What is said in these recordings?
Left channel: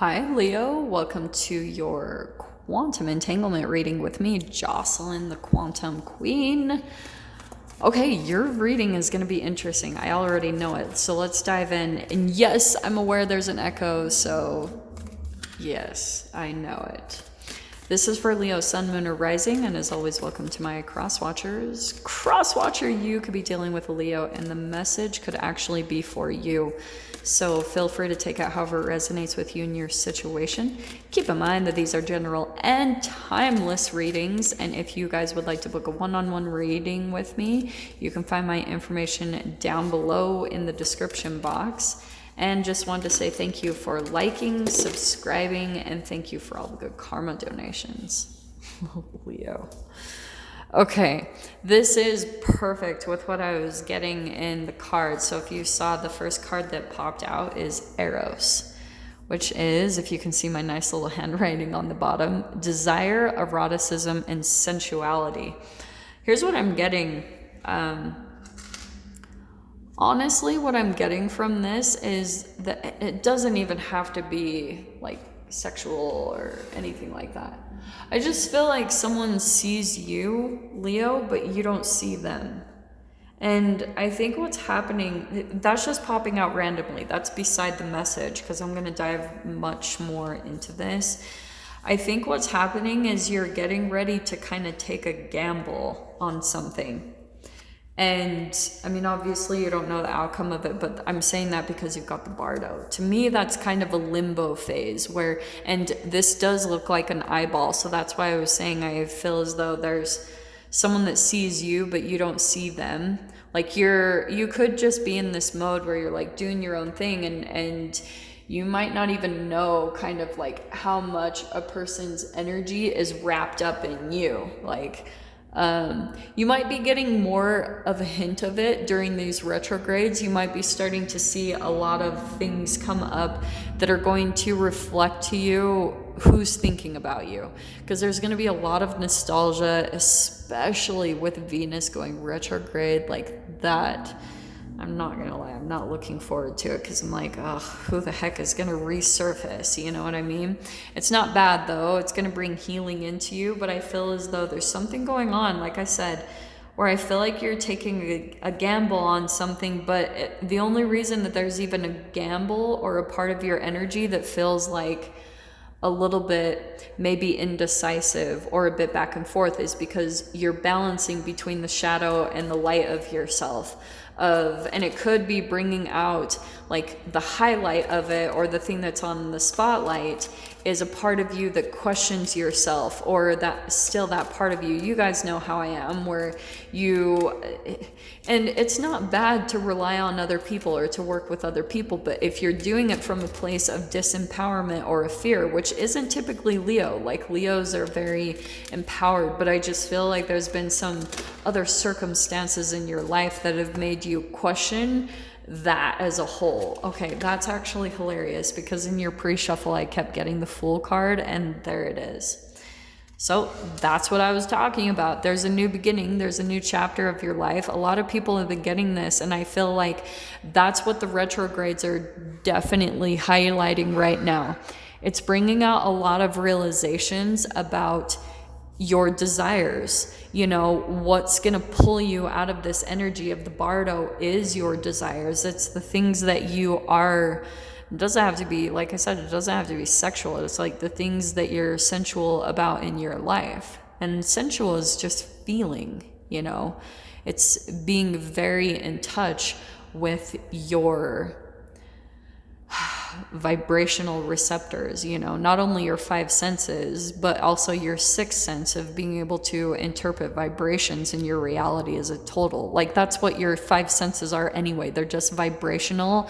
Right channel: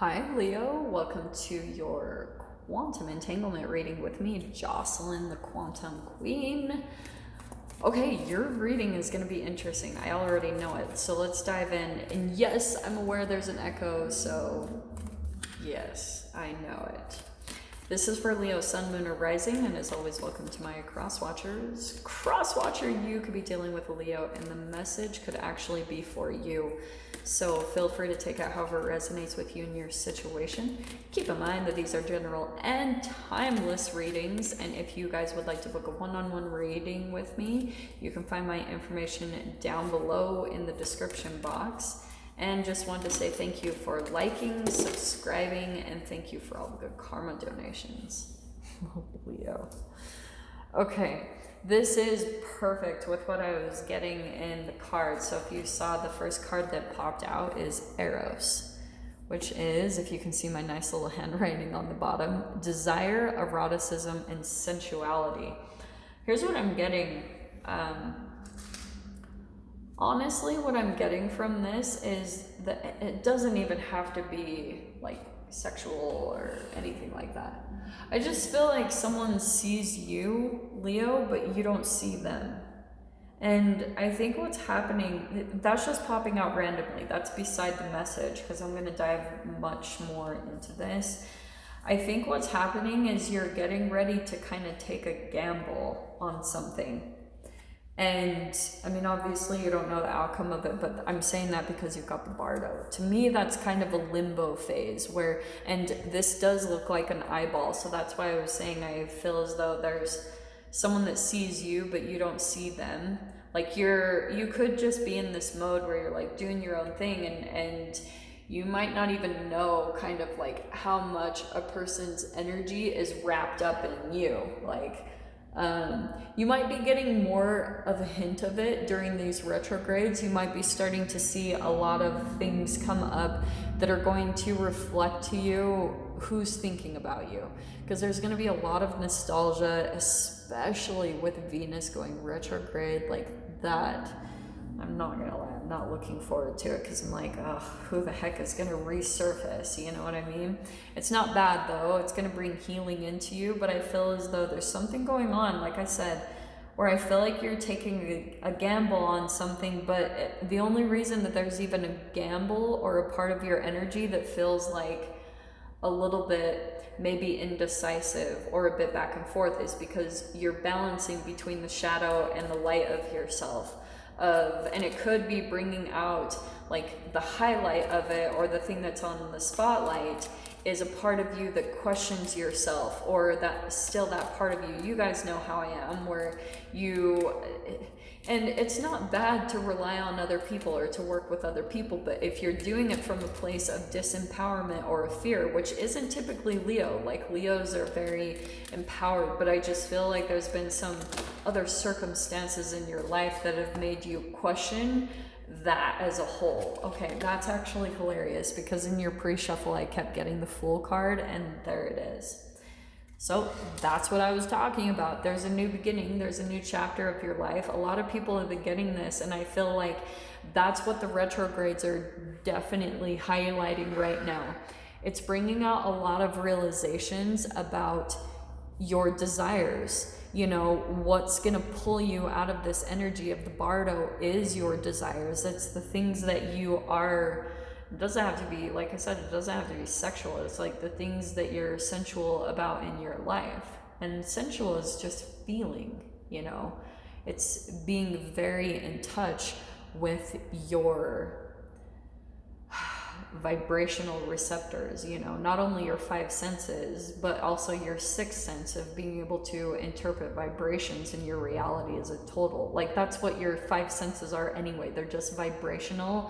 Hi, Leo. Welcome to your quantum entanglement reading with me, Jocelyn, the Quantum Queen. Okay, your reading is going to be interesting. I already know it. So let's dive in. And yes, I'm aware there's an echo, so yes, I know it. This is for Leo, Sun, Moon, or Rising, and as always, welcome to my cross-watchers. Cross-watcher, you could be dealing with a Leo, and the message could actually be for you. So feel free to take it however it resonates with you in your situation. Keep in mind that these are general and timeless readings, and if you guys would like to book a one-on-one reading with me, you can find my information down below in the description box. And just wanted to say thank you for liking, subscribing, and thank you for all the good karma donations. Leo. Okay, this is perfect with what I was getting in the cards. So if you saw, the first card that popped out is Eros, which is, if you can see my nice little handwriting on the bottom, desire, eroticism, and sensuality. Here's what I'm getting. Honestly, what I'm getting from this is that it doesn't even have to be like sexual or anything like that. I just feel like someone sees you, Leo, but you don't see them. And I think what's happening, that's just popping out randomly. That's beside the message, because I'm going to dive much more into this. I think what's happening is you're getting ready to kind of take a gamble on something. And I mean, obviously you don't know the outcome of it, but I'm saying that because you've got the Bardo. To me, that's kind of a limbo phase where, and this does look like an eyeball. So that's why I was saying I feel as though there's someone that sees you, but you don't see them. Like you could just be in this mode where you're like doing your own thing, and you might not even know kind of like how much a person's energy is wrapped up in you. Like, you might be getting more of a hint of it during these retrogrades. You might be starting to see a lot of things come up that are going to reflect to you who's thinking about you. Because there's going to be a lot of nostalgia, especially with Venus going retrograde like that. I'm not going to lie, I'm not looking forward to it because I'm like, oh, who the heck is going to resurface? You know what I mean? It's not bad though. It's going to bring healing into you, but I feel as though there's something going on, like I said, where I feel like you're taking a gamble on something, but the only reason that there's even a gamble or a part of your energy that feels like a little bit maybe indecisive or a bit back and forth is because you're balancing between the shadow and the light of yourself. And it could be bringing out like the highlight of it, or the thing that's on the spotlight is a part of you that questions yourself, or that still that part of you. You guys know how I am, where you, and it's not bad to rely on other people or to work with other people, but if you're doing it from a place of disempowerment or a fear, which isn't typically Leo, like Leos are very empowered, but I just feel like there's been some other circumstances in your life that have made you question that as a whole. Okay, that's actually hilarious because in your pre-shuffle I kept getting the Fool card, and there it is. So that's what I was talking about. There's a new beginning. There's a new chapter of your life. A lot of people have been getting this, and I feel like that's what the retrogrades are definitely highlighting right now. It's bringing out a lot of realizations about your desires. You know, what's going to pull you out of this energy of the Bardo is your desires. It's the things that you are. It doesn't have to be, like I said, it doesn't have to be sexual. It's like the things that you're sensual about in your life. And sensual is just feeling, you know. It's being very in touch with your vibrational receptors, you know, not only your five senses, but also your sixth sense of being able to interpret vibrations in your reality as a total. Like that's what your five senses are anyway. They're just vibrational,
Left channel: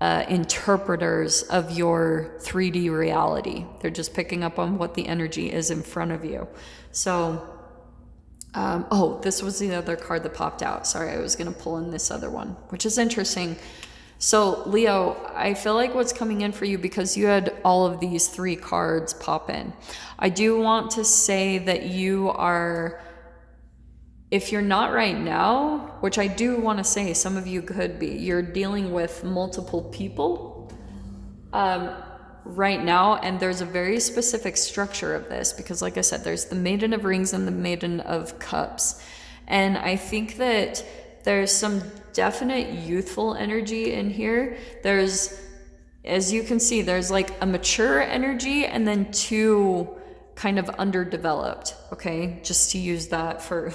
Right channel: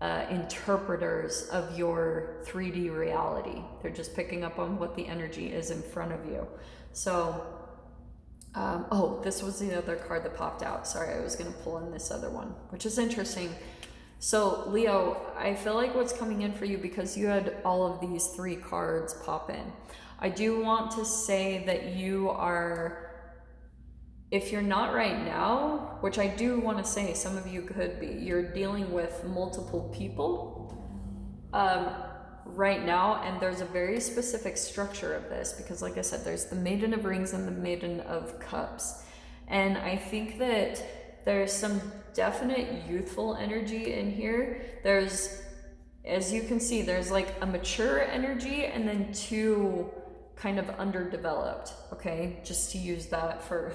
interpreters of your 3D reality. They're just picking up on what the energy is in front of you. So, this was the other card that popped out. Sorry, I was going to pull in this other one, which is interesting. So Leo, I feel like what's coming in for you, because you had all of these three cards pop in, I do want to say that you are, if you're not right now, which I do want to say some of you could be, you're dealing with multiple people right now, and there's a very specific structure of this, because like I said, there's the Maiden of Rings and the Maiden of Cups, and I think that there's some definite youthful energy in here. There's, as you can see, there's like a mature energy and then two kind of underdeveloped, okay, just to use that for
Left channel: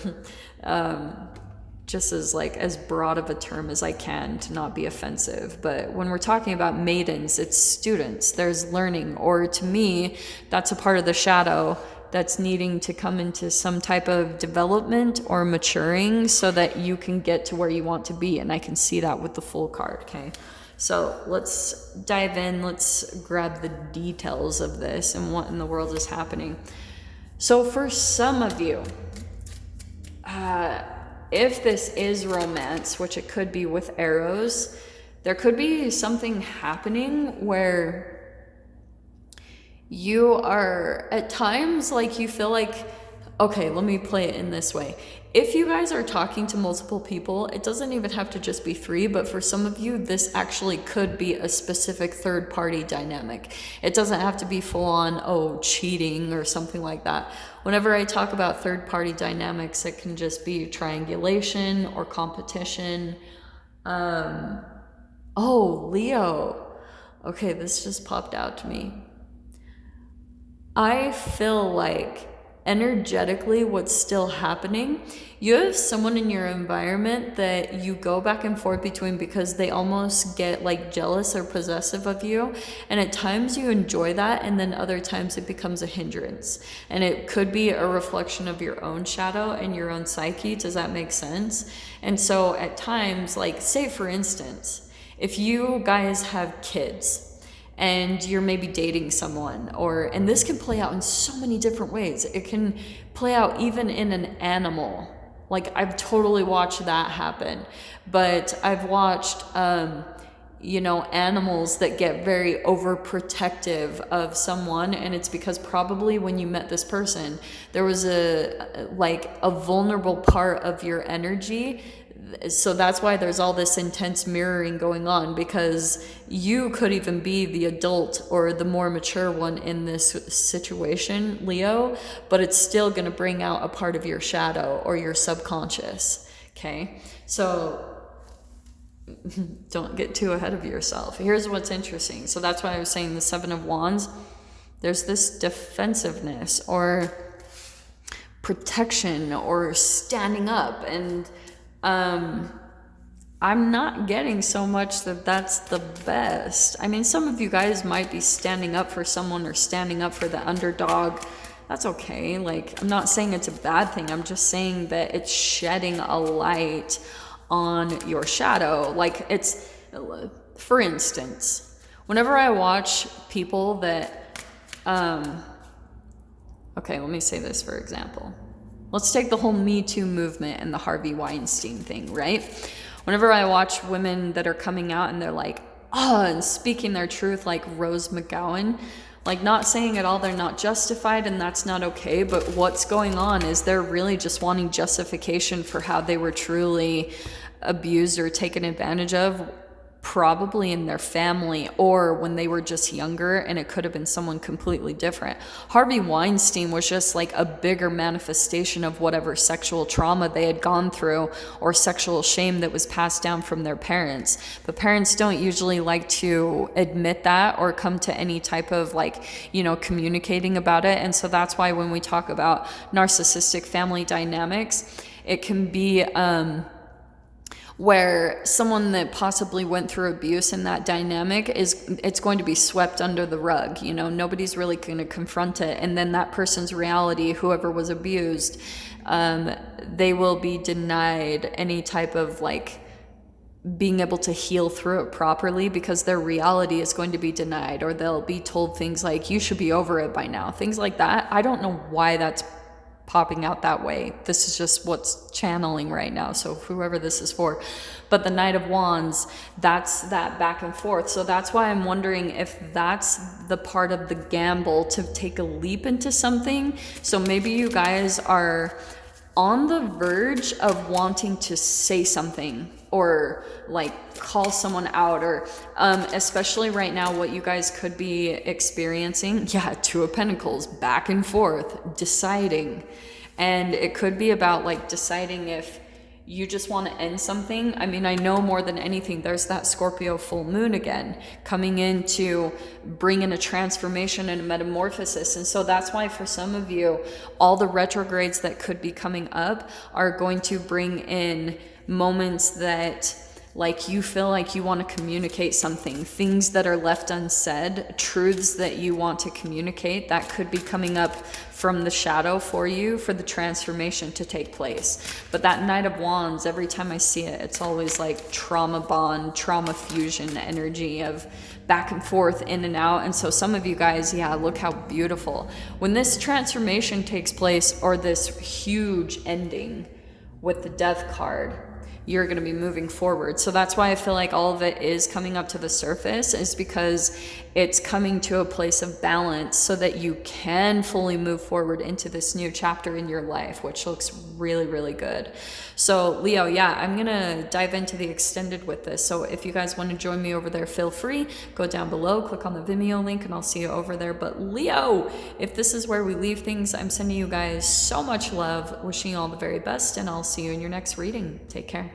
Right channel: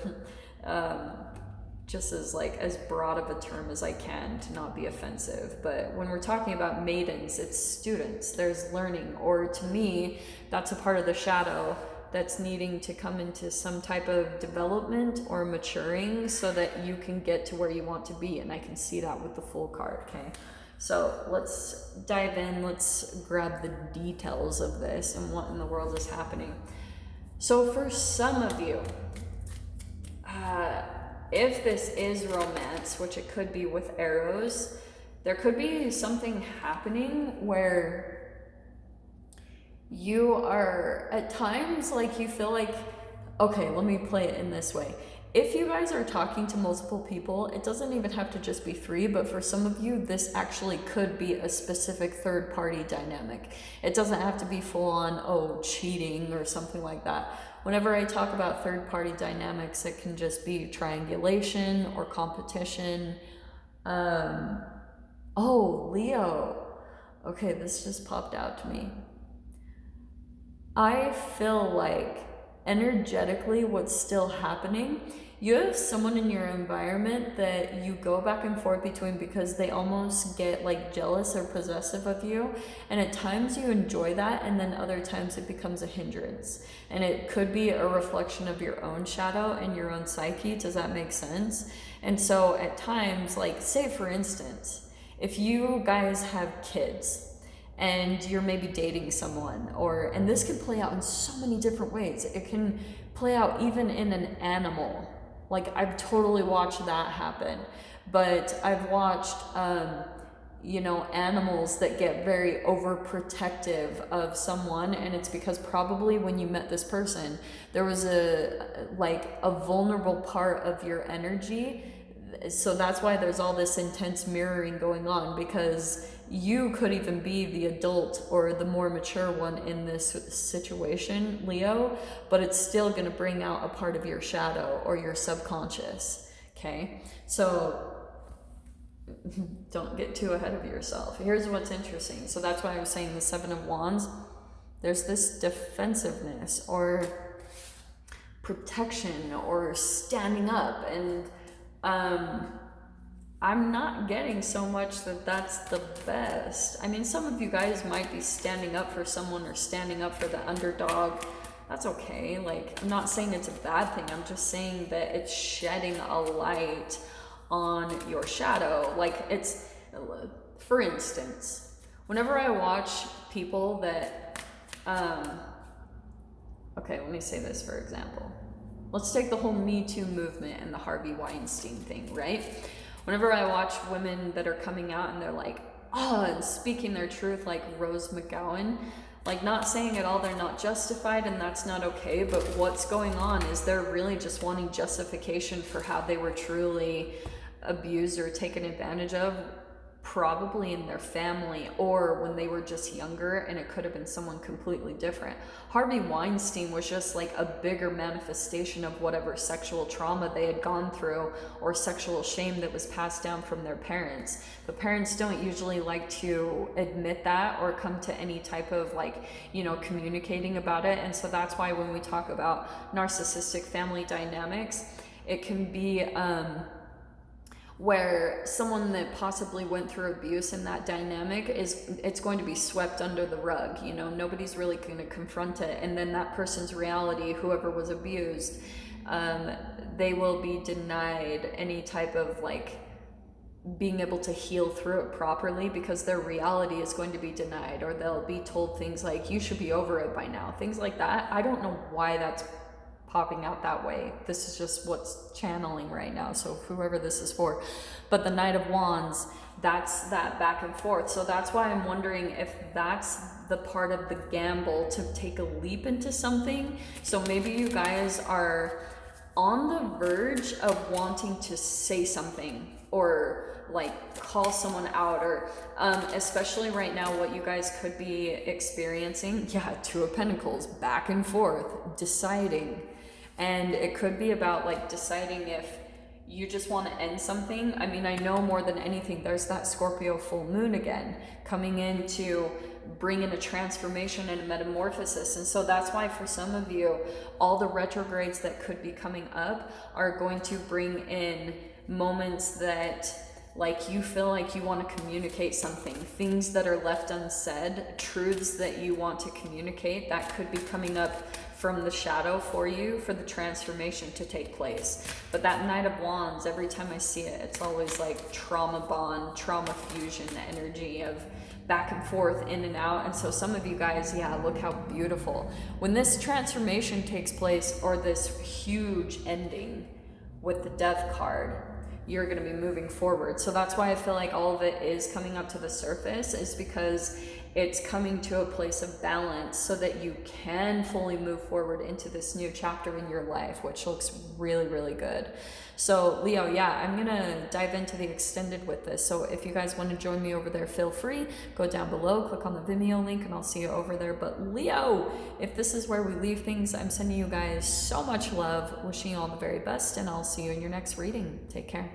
just as like as broad of a term as I can to not be offensive. But when we're talking about maidens, it's students, there's learning, or to me, that's a part of the shadow that's needing to come into some type of development or maturing so that you can get to where you want to be. And I can see that with the Fool card, okay? So let's dive in, let's grab the details of this and what in the world is happening. So for some of you, if this is romance, which it could be with arrows, there could be something happening where you are at times like you feel like, okay, let me play it in this way. If you guys are talking to multiple people, it doesn't even have to just be 3, but for some of you, this actually could be a specific third party dynamic. It doesn't have to be full on, oh, cheating or something like that. Whenever I talk about third party dynamics, it can just be triangulation or competition. Oh, Leo. Okay, this just popped out to me. I feel like energetically what's still happening, you have someone in your environment that you go back and forth between because they almost get like jealous or possessive of you, and at times you enjoy that, and then other times it becomes a hindrance, and it could be a reflection of your own shadow and your own psyche. Does that make sense? And so at times, like say for instance, if you guys have kids and you're maybe dating someone, and this can play out in so many different ways. It can play out even in an animal. Like I've totally watched that happen, but I've watched, animals that get very overprotective of someone, and it's because probably when you met this person, there was a vulnerable part of your energy. So that's why there's all this intense mirroring going on, because you could even be the adult or the more mature one in this situation, Leo, but it's still going to bring out a part of your shadow or your subconscious, okay? So don't get too ahead of yourself. Here's what's interesting. So that's why I was saying the 7 of Wands, there's this defensiveness or protection or standing up, and I'm not getting so much that that's the best. I mean, some of you guys might be standing up for someone or standing up for the underdog. That's okay. Like, I'm not saying it's a bad thing. I'm just saying that it's shedding a light on your shadow. Like, it's, for instance, whenever I watch people that, okay, let me say this for example. Let's take the whole Me Too movement and the Harvey Weinstein thing, right? Whenever I watch women that are coming out and they're like, and speaking their truth, like Rose McGowan, like not saying at all they're not justified and that's not okay, but what's going on is they're really just wanting justification for how they were truly abused or taken advantage of, probably in their family or when they were just younger, and it could have been someone completely different. Harvey Weinstein was just like a bigger manifestation of whatever sexual trauma they had gone through or sexual shame that was passed down from their parents. But parents don't usually like to admit that or come to any type of communicating about it. And so that's why when we talk about narcissistic family dynamics, it can be where someone that possibly went through abuse in that dynamic it's going to be swept under the rug. Nobody's really going to confront it, and then that person's reality, whoever was abused, they will be denied any type of being able to heal through it properly, because their reality is going to be denied, or they'll be told things like, you should be over it by now, things like that. I don't know why that's popping out that way. This is just what's channeling right now, so whoever this is for. But the Knight of Wands, that's that back and forth. So that's why I'm wondering if that's the part of the gamble to take a leap into something. So maybe you guys are on the verge of wanting to say something or like call someone out, or especially right now what you guys could be experiencing, Two of Pentacles, back and forth, deciding. And it could be about like deciding if you just want to end something. I mean, I know more than anything, there's that Scorpio full moon again coming in to bring in a transformation and a metamorphosis. And so that's why for some of you, all the retrogrades that could be coming up are going to bring in moments that like you feel like you want to communicate something, things that are left unsaid, truths that you want to communicate that could be coming up from the shadow for you for the transformation to take place. But that Knight of Wands, every time I see it, it's always like trauma bond, trauma fusion energy of back and forth, in and out. And so some of you guys, look how beautiful. When this transformation takes place, or this huge ending with the Death card, you're going to be moving forward. So that's why I feel like all of it is coming up to the surface, is because it's coming to a place of balance so that you can fully move forward into this new chapter in your life, which looks really, really good. So Leo, I'm going to dive into the extended with this. So if you guys want to join me over there, feel free, go down below, click on the Vimeo link, and I'll see you over there. But Leo, if this is where we leave things, I'm sending you guys so much love, wishing you all the very best, and I'll see you in your next reading. Take care.